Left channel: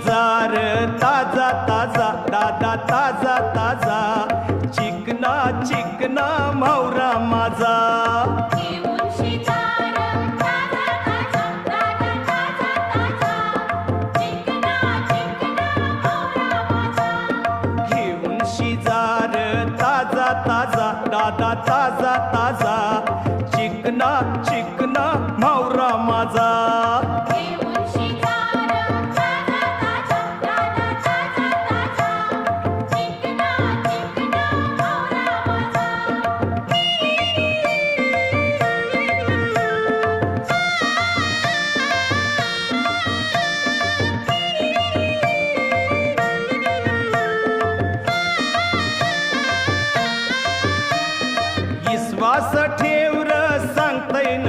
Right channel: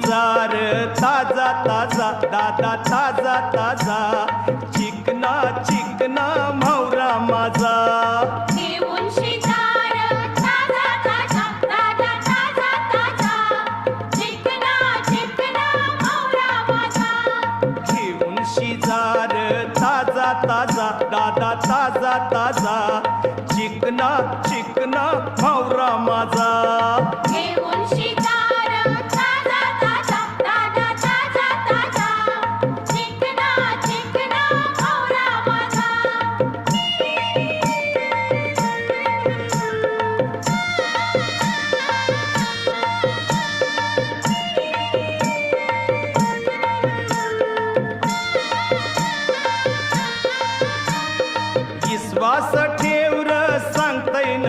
शिजार ताजा ताजा दादा ताजा ताजा चिकना चिकना म्हावरा माझा घेऊन शिकार ताजा ताजा दादा ताजा ताजा चिकना चिकना म्हावरा माझा घेऊन शिजार ताजा ताजा दादा ताजा ताजा चिकना चिकना म्हावरा माझा घेऊन शिकार ताजा ताजा दादा ताजा ताजा चिकना चिकना म्हावरा माझा विश्वास ठेव र सांगता येईन